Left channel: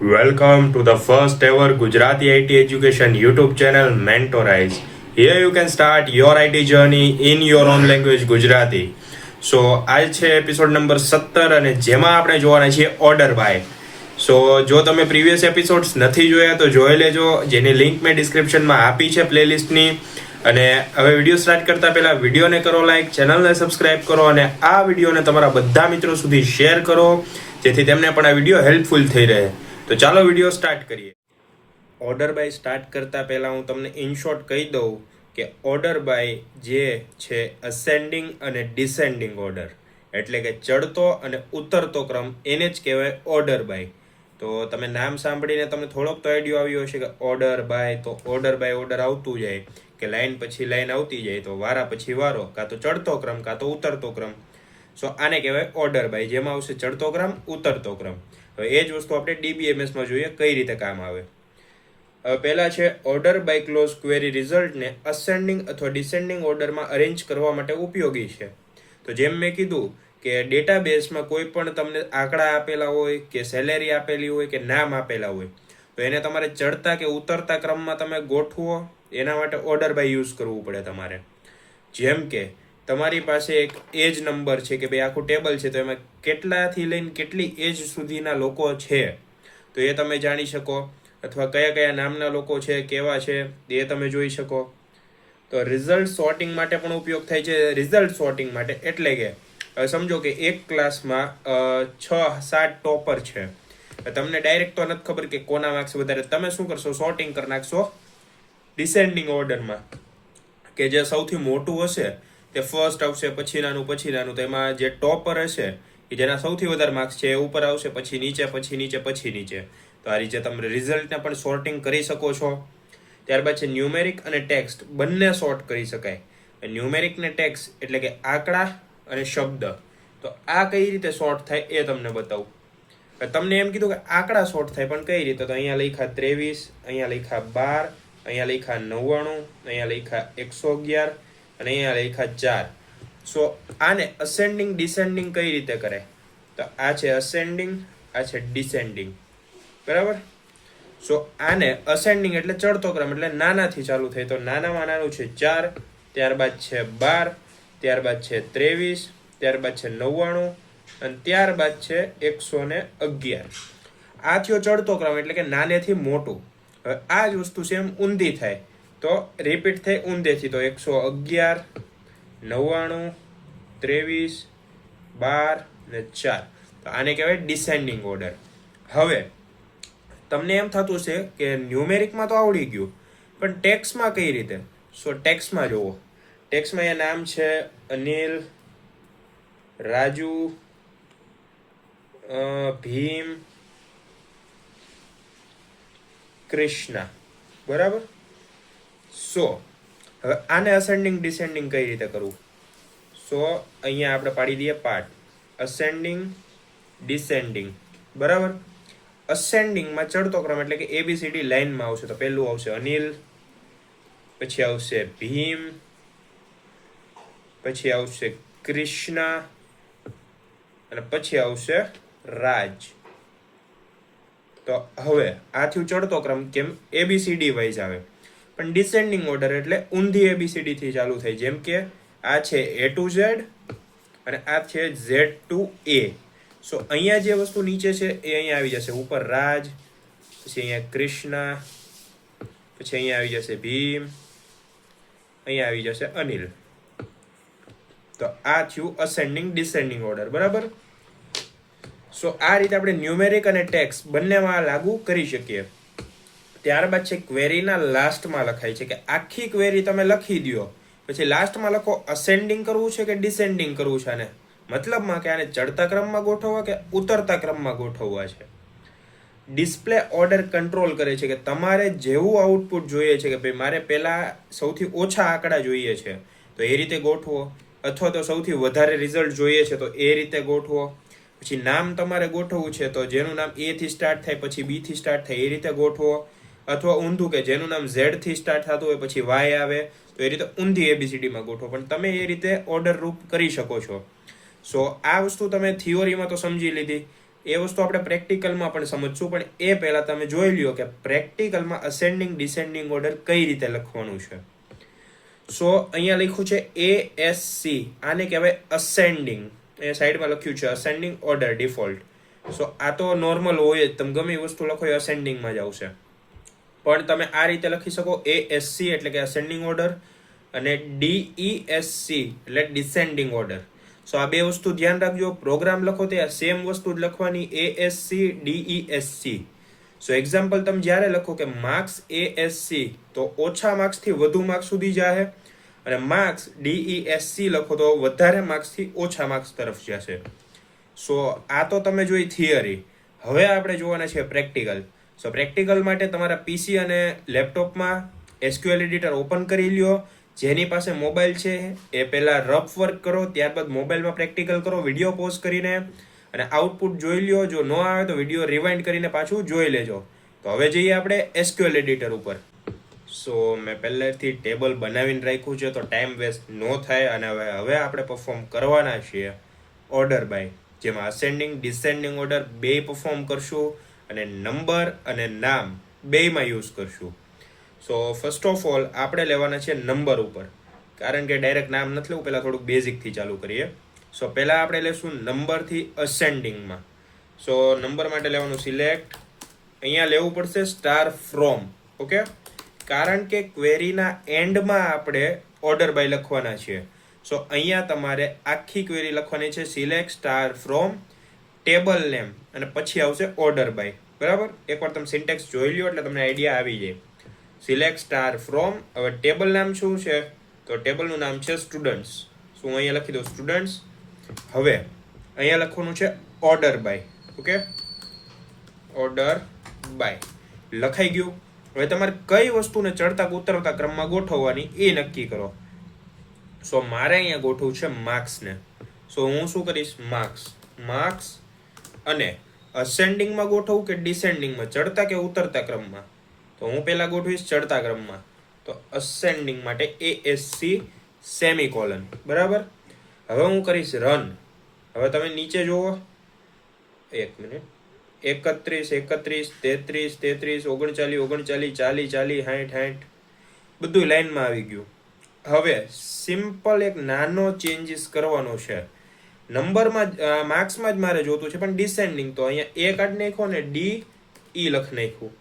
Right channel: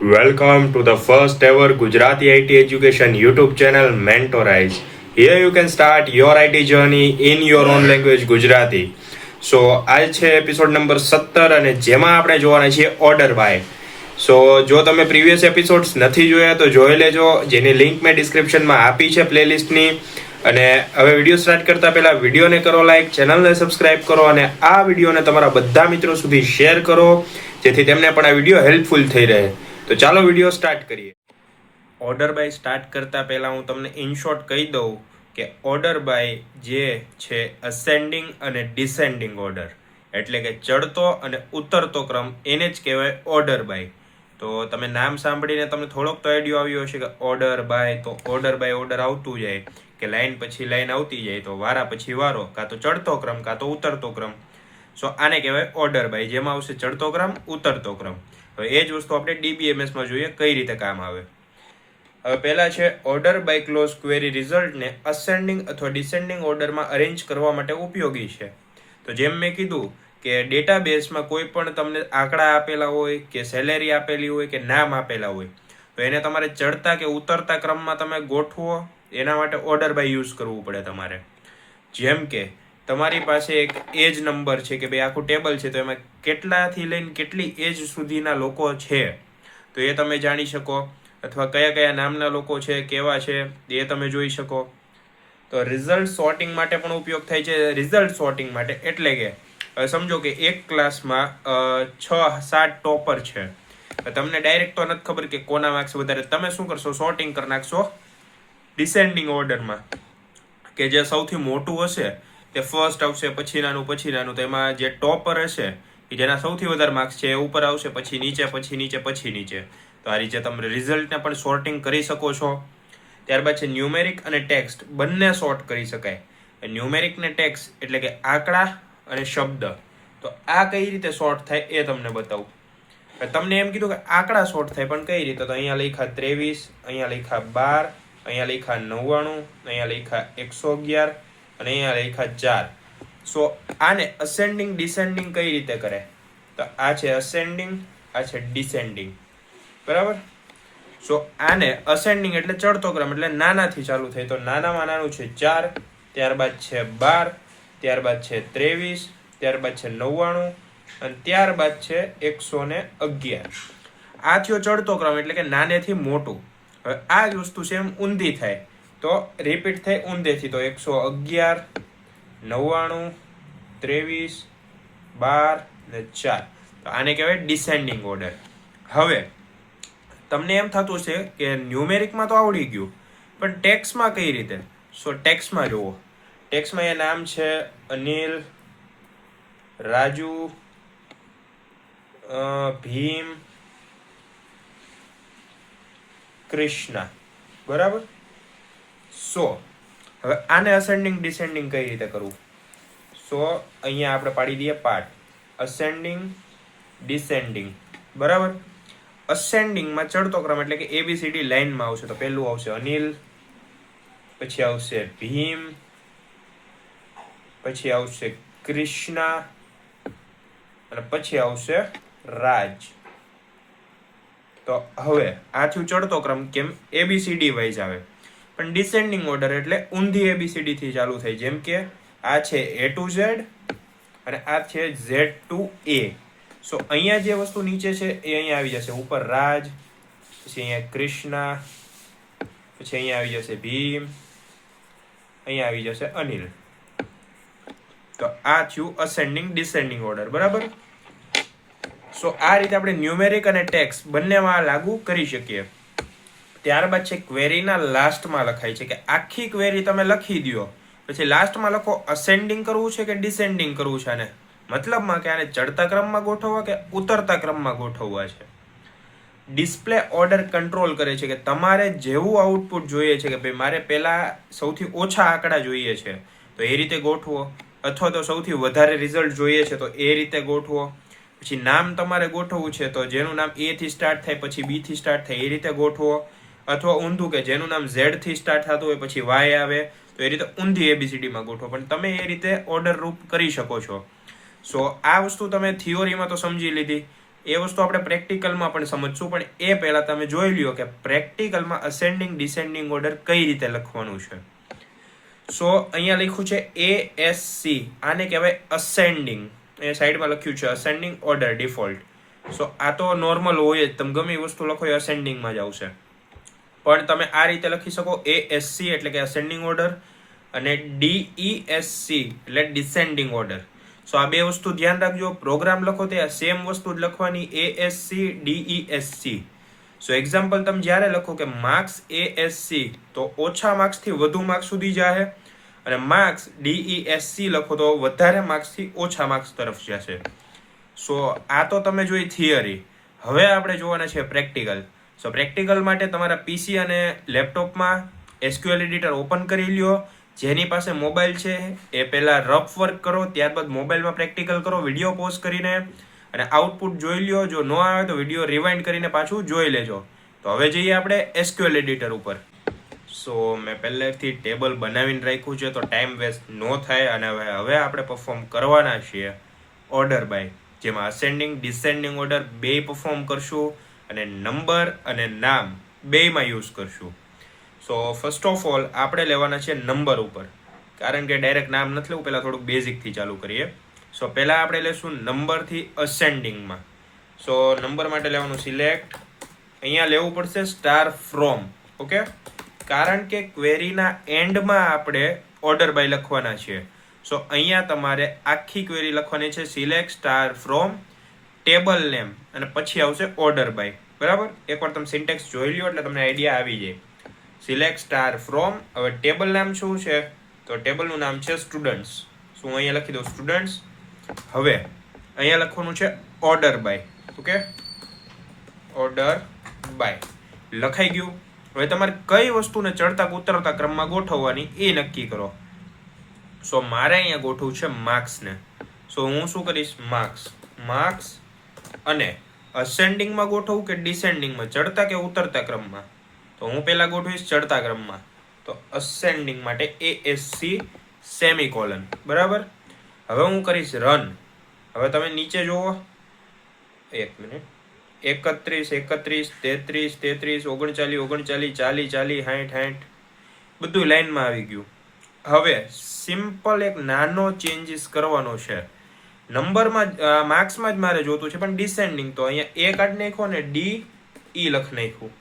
Welcome to the first ever Gujarati IT education YouTube channel Mentorize. Here you can start your IT journey in your own language Gujarati. So આજ છે episode number 17 અને જેમાં આપણે જોવાના છે order by. સો જો તમે previous episodes નથી જોયા તો જોઈ લેજો, જેની લિંક મેં ડિસ્ક્રિપ્શનમાં આપી છે પ્લેલિસ્ટની. અને હવે વિડીયો સ્ટાર્ટ કરતા પહેલા વિડીયોને કરો લાઈક, ચેનલને સબસ્ક્રાઇબ કરો અને આ વિડીયોને તમારા બધા મિત્રો સુધી શેર કરો, જેથી તેમને પણ આ વિડીયો હેલ્પફુલ થઈ રહે. તો ચાલો વિડીયો સ્ટાર્ટ કરીએ. ઓર્ડર બાય સ્ટાર્ટ કરતા પહેલા હું તમને ઇન શોર્ટ કહી દઉં કે ઓર્ડર બાય જે છે અસેન્ડિંગ અને ડિસેન્ડિંગ ઓર્ડર, એટલે કે ચડતો અને ઉતરતો ક્રમ, એને જ કહેવાય ઓર્ડર બાય. તો તમે નામ સાંભળીને તમને થોડોક તો આઈડિયો આવ્યો હશે કે ઓર્ડર બાય, તો ઓર્ડર બાય ઓર્ડર આવતું જાય કે લાઈન પછી લાઈન આવતી જાય, તો વારા પછી વારો, કાં તો ચડતો ક્રમ કાં તો ઉતરતો ક્રમ. સો આને કહેવાય ઓર્ડર બાય, જેમાં આવશે ચડતો ક્રમ, ઉતરતો ક્રમ. હવે એ જ વસ્તુ આપણે DBMS માં જોઈએ કઈ રીતે કામ આવે. હવે પહેલા છે ઓર્ડર બાય ક્લોઝ ક્વેરી રિઝલ્ટને અસેન્ડિંગ અથવા ડિસેન્ડિંગ ઓર્ડરમાં અરેન્જ કરવા માટે ઉપયોગી છે. તો જેમ મેં કીધું કે ડેટાબેઝમાં કોઈ પણ તમને આંકડા આપેલા હોય કે સેલેરી આપેલી હોય કે નામ આપેલા હોય, તો એને તમારે ચડતા કે ઉતરતા ક્રમમાં તમે ગોઠવો, એના માટે ઓર્ડર બાય યુઝ કરવું પડે તમારે. જેમ કે તમારી પાસે એક એજ નંબર છે કે ભાઈ આખું ટેબલ છે, તો એમાં કેટલાથી લઈને કેટલી એજ સુધીના લોકો છે તો એ તમે જાણી શકો, અથવા કયા કયા નામના લોકો છે, કેવા છે એ તમે જોઈ શકો. તો રિઝલ્ટ સોર્ટિંગ માટે પણ ઉપયોગ થાય છે. રિઝલ્ટ સોર્ટિંગ માટે એટલે કે સમજો કે એક ક્લાસમાં 6-7 ટોપર છે, તમને ડાયરેક્ટ તો નથી ખબર કે કોના માર્ક્સ વધારે, તમે શું કરશો, સોર્ટિંગ કરી નાખશો ડિસેન્ડિંગ ઓર્ડરમાં, કે જે સૌથી મોટું હશે તે ફર્સ્ટ આવશે, પછી નાનું, પછી નાનું. તો એમાં જે ટોપર હશે કે જેના સૌથી વધારે માર્ક્સ છે એ ઉપર આવશે, પછી નીચે, પછી નીચે, પછી નીચે. તો આ રીતે તમે રિઝલ્ટને પણ સોર્ટિંગ કરી શકો છો. ત્યારબાદ છે ન્યુમેરિક અને ટેક્સ્ટ, બંને સોર્ટ કરી શકાય. ન્યુમેરિક ને ટેક્સ્ટ એટલે કે આંકડા અને શબ્દ. તો આ કઈ રીતે સોર્ટ થાય એ તમને બતાવું. તમને એમ કીધું કે આંકડા સોર્ટ થાય, પણ કઈ રીતે? તો અહીંયા લખ્યા 23, અહીંયા લખ્યા 12, અહીંયા લખ્યા 99, અહીંયા લખ્યા 111 અને અહીંયા લખ્યા 4. સો આને અસેન્ડિંગ ડિસેન્ડિંગ કઈ રીતે કરે? તો આ છે અસેન્ડિંગ, આ છે ડિસેન્ડિંગ, બરાબર. સો આને અસેન્ડિંગ એટલે ચડતો ક્રમ, એટલે નાનાથી ચાલુ થાય. તો નાનામાં નાનું છે 4, ત્યારબાદ છે 12, ત્યારબાદ છે 23, ત્યારબાદ છે 99 અને ત્યારબાદ છે 111. આ થયો ચડતો ક્રમ, એટલે કે નાનેથી મોટું. હવે આ જ વસ્તુ સેમ ઊંધી થાય, તો રિપીટ થાય ઊંધેથી. તો 111, 99, 23, 12 ને 4. તો આને કહેવાય ડિસેન્ડિંગ ઓર્ડર. હવે તમને એમ થતું હશે કે ન્યુમેરિકમાં તો આવડી ગયું, પણ ટેક્સમાં કઈ રીતે? સો ટેક્સમાં જુઓ, ટેક્સમાં એ નામ છે અનિલ, રાજુ, ભીમ, કૃષ્ણા, બરાબર. સો હવે આને અસેન્ડિંગ ડિસેન્ડિંગ કઈ રીતે કરવું? સો અહીંયા આપણે પાડી દઈએ પાર્ટ, અસેન્ડિંગ ડિસેન્ડિંગ, બરાબર. અસેન્ડિંગમાં ચડતો ક્રમ એટલે કે ABCD લાઈનમાં આવશે. તો પહેલું આવશે અનિલ, પછી આવશે ભીમ, પછી આવશે કૃષ્ણા અને પછી આવશે રાજ. તો હવે આ થયું ચડતો ક્રમ, કેમ? ABCD વાઇઝ આવે. પણ ડિસેન્ડિંગ ઓર્ડર એટલે ઊંધી ABCD થી ચાલુ થાય. જેમ કે આ છે A to Z અને આ છે Z to A. સો અહીંયા જે વસ્તુ નીચે છે એ અહીંયા આવી જશે, ઉપર રાજ, પછી અહીંયા કૃષ્ણા, પછી અહીંયા આવી જશે ભીમ, અહીંયા આવી જશે અનિલ. તો આ થયું અસેન્ડિંગ ડિસેન્ડિંગ ઓર્ડર, બરાબર. સો આ રીતે આપણે ન્યુમેરિક અને ટેક્સ્ટ બંનેમાં લાગુ કરી શકીએ. ત્યારબાદ છે ક્વેરીના લાસ્ટમાં લખાય છે કે આખી ક્વેરી તમે લખી દો, પછી લાસ્ટમાં લખો અસેન્ડિંગ કરવું છે કે ડિસેન્ડિંગ કરવું છે. આને મતલબમાં કે આને ચડતા ક્રમમાં ગોઠવવા કે ઉતરતા ક્રમમાં ગોઠવવા છે. ડિસ્પ્લે ઓર્ડર કંટ્રોલ કરે છે કે તમારે જેવું આઉટપુટ જોઈએ છે, કે ભાઈ મારે પહેલા સૌથી ઓછા આંકડા જોઈએ છે તો એ રીતે ગોઠવો, અથવા તો સૌથી વધારે રિઝલ્ટ જોઈએ છે તો એ રીતે ગોઠવો. પછી નામ તમારે ગોઠવવું છે તો જેનું નામ A થી સ્ટાર્ટ થાય પછી B થી સ્ટાર્ટ થાય એ રીતે ગોઠવો, અથવા ઊંધું કે જેનું નામ Z થી સ્ટાર્ટ થતું હોય પછી Y આવે તો એ રીતે ઊંધી ABCD માં ગોઠવો. પણ તમે એ રીતે ઓર્ડર રૂપ કરી શકો છો. સો આ વસ્તુ તમે થિયોરીમાં તો સમજી લીધી એ વસ્તુ આપણે પ્રેક્ટિકલમાં પણ સમજશું, પણ એ પહેલા તમે જોઈ લ્યો કે પ્રેક્ટિકલમાં અસેન્ડિંગ ડિસેન્ડિંગ ઓર્ડર કઈ રીતે લખવાનું છે. સો અહીંયા લખ્યું છે ASC, આને કહેવાય અસેન્ડિંગ. એ સાઈડમાં લખ્યું છે અસેન્ડિંગ ઓર્ડર ડિફોલ્ટ. સો આ તો નોર્મલ હોય જ, તમે ગમે એ વસ્તુ લખો એ અસેન્ડિંગમાં જ આવશે. પણ તમે આ રીતે લખી શકો ASC એટલે કે અસેન્ડિંગ ઓર્ડર, અને DESC એટલે ડિસેન્ડિંગ ઓર્ડર. સો આ બે વસ્તુ ધ્યાન રાખજો. પ્રોગ્રામ લખો તે સેમ વસ્તુ જ લખવાની, ASC DESC. સો એક્ઝામ્પલ તમે જ્યારે લખો કે માર્ક્સ ASC તો ઓછા માર્ક્સ થી વધુ માર્ક્સ સુધી જાય, અને માર્ક્સ DESC લખો તો વધારે માર્ક્સ થી ઓછા માર્ક્સ તરફ જશે. સો આ તો તમે જોઈ થિયરી. હવે આપણે જોવાના છે પ્રેક્ટિકલ. સો પ્રેક્ટિકલ માટે તમારા PC અને લેપટોપમાં SQL એડિટર ઓપન કરી લ્યો. જેની પાસે મોબાઈલ છે એ પહેલા રફ વર્ક કરો, ત્યારબાદ મોબાઈલમાં પ્રેક્ટિકલ કરો વિડીયો પોઝ કરીને, અને આઉટપુટ જોઈ લ્યો. જો ન આવે તો વિડીયો રિવાઇન્ડ કરીને પાછું જોઈ લેજો. તો હવે જઈએ આપણે SQL એડિટર ઉપર. સો મેં પહેલેથી ટેબલ બનાવીને રાખ્યું છે તો ટાઈમ વેસ્ટ ન થાય, અને હવે આપણે પરફોર્મ કરવાના છીએ ઓર્ડર બાય, જેમાં અસેન્ડિંગ ડિસેન્ડિંગ ઓર્ડર બે પરફોર્મ કરશું, અને નંબર અને નામ બેમાં યુઝ કરશું. સો ફર્સ્ટ ઓફ ઓલ આપણે લેવાના છે નંબર ઉપર, કારણ કે ડાયરેક્ટ નામ નથી લેવું, પહેલાં થોડુંક બેઝિકથી ચાલુ કરીએ. સો પહેલાં આપણે લેશું નંબરથી અસેન્ડિંગમાં. સો નંબર માટે લેવાનું સિલેક્ટ. અહીંયા લેવું પડશે સ્ટાર ફ્રોમ. ઓકે, કારણ કે ક્વેરીના એન્ડમાં આપણે ઓર્ડર બાય લખવાના છીએ. સો અહીંયા તમારે આખી ક્વેરી લખવાની છે select star from table name, અને પછી આવશે ઓર્ડર બાય. બરાબર, એકવાર તમે સિન્ટેક્સ જોઈ લ્યો એટલે તમને આઈડિયા આવી જાય. Select star from. હવે ટેબલ નામ શું છે, તો ટેબલનું નામ છે સ્ટુડન્ટ્સ. શું અહીંયા લખી દઉં સ્ટુડન્ટ્સ. હવે અહીંયા લખવાનું છે order by. Okay, order by લખાઈ ગયું. હવે તમારે કઈ વસ્તુને ચડતા ઉતરતા ક્રમમાં ગોઠવવાની એ નક્કી કરો. સો મારે અહીંયા ગોઠવવું છે માર્ક્સને. સો હું શું કરીશ, માર્ક્સ. અને અસેન્ડિંગમાં ગોઠવું કે ડિસેન્ડિંગમાં, ચડતા કે ઉતરતા ક્રમમાં, તો હું પહેલા ગોઠવીશ ચડતા ક્રમમાં. તો અસેન્ડિંગ માટે ASC સેમિકોલન. બરાબર, હવે હું કરીશ રન. હવે તમે નીચે જુઓ, 1 મિનિટ, 31 33 33 39 39 40 40 60 બધું લાઈનમાં આવી ગયું. હવે સિમ્પલ એક નાનો ચેન્જીસ કરવાનો છે. નંબરમાં માર્ક્સમાં જ મારે જોતું છે, પણ ડિસેન્ડિંગ તો અહીંયા A કાઢી નાખો ને DE લખી નાખ્યું.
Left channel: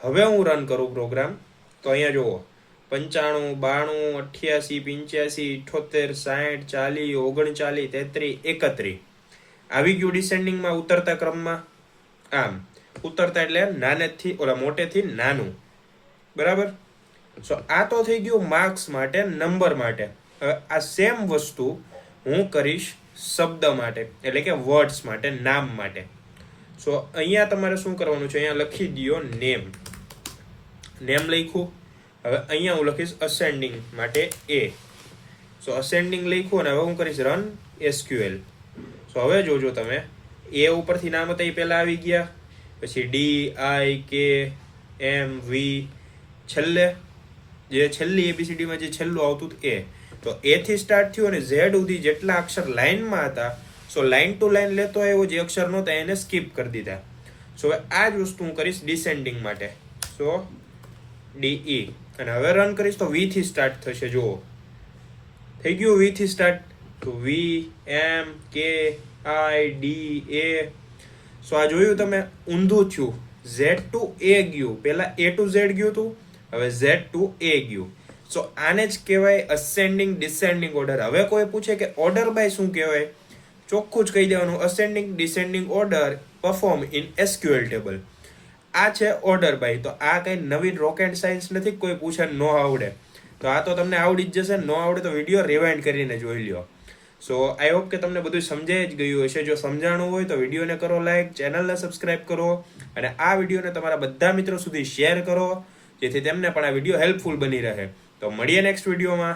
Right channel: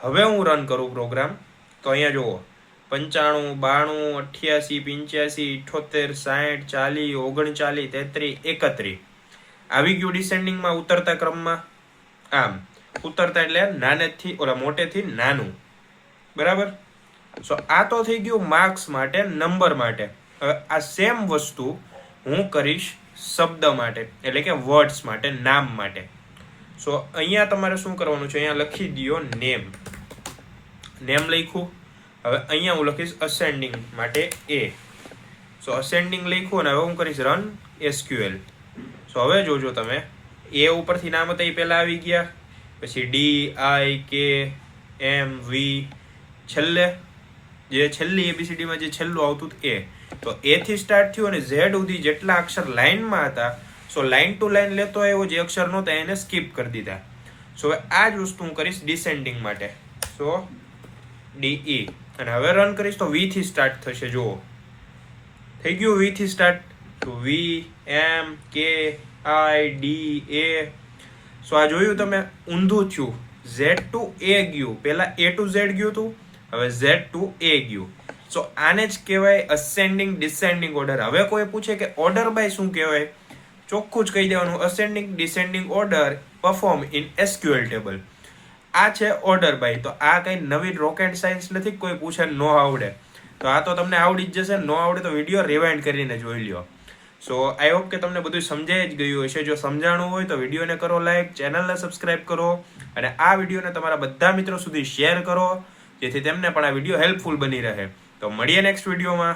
હવે હું રન કરું પ્રોગ્રામ, તો અહીંયા જુઓ 95 92 88 85 78 60 40 39 33 આવી ગયું ડિસેન્ડિંગમાં, ઉતરતા ક્રમમાં. આમ ઉતરતા એટલે નાનેથી ઓલા મોટેથી નાનું. બરાબર, સો આ તો થઈ ગયું માર્ક્સ માટે, નંબર માટે. આ સેમ વસ્તુ હું કરીશ શબ્દ માટે, એટલે કે વર્ડ્સ માટે, નામ માટે. સો અહીંયા તમારે શું કરવાનું છે, અહીંયા લખી દો નેમ. નેમ લખ્યું. હવે અહીંયા હું લખીશ અસેન્ડિંગ માટે A. સો અસેન્ડિંગ લખ્યું, અને હવે હું કરીશ રન SQL. સો હવે જોજો તમે, A ઉપરથી નામ હતા એ પહેલા આવી ગયા, પછી DIKMV છેલ્લે, જે છેલ્લી ABCD માં જે છેલ્લું આવતું A, તો A થી સ્ટાર્ટ થયું અને Z સુધી જેટલા અક્ષર લાઈનમાં હતા, સો લાઈન ટુ લાઈન લેતો આવ્યો, જે અક્ષર નહોતા એને સ્કીપ કરી દીધા. સો આ જ વસ્તુ હું કરીશ ડિસેન્ડિંગ માટે. સો DE, અને હવે રન કરીશ તો V થી સ્ટાર્ટ થશે. જુઓ થઈ ગયું V થી સ્ટાર્ટ, તો VMKIDA. સો આ જોયું તમે, ઊંધું થયું. Z to A ગયું, પહેલા A to Z ગયું હતું, હવે Z to A ગયું. સો આને જ કહેવાય અસેન્ડિંગ ડિસેન્ડિંગ ઓર્ડર. હવે કોઈ પૂછે કે ઓર્ડર બાય શું કહેવાય, ચોખ્ખું જ કહી દેવાનું ascending descending order perform in SQL table. આ છે ઓર્ડર બાય. તો આ કઈ નવી રોકેટ સાયન્સ નથી, કોઈ પૂછે ન આવડે તો આ તો તમને આવડી જ જશે. ન આવડે તો વિડીયો રિવાઇન્ડ કરીને જોઈ લ્યો. સો આઈ હોપ કે તમને બધું સમજાઈ જ ગયું હશે. જો સમજાણું હોય તો વિડીયોને કરો લાઈક, ચેનલને સબસ્ક્રાઇબ કરો, અને આ વિડીયોને તમારા બધા મિત્રો સુધી શેર કરો, જેથી તેમને પણ આ વિડીયો હેલ્પફુલ બની રહે. તો મળીએ નેક્સ્ટ વિડીયોમાં.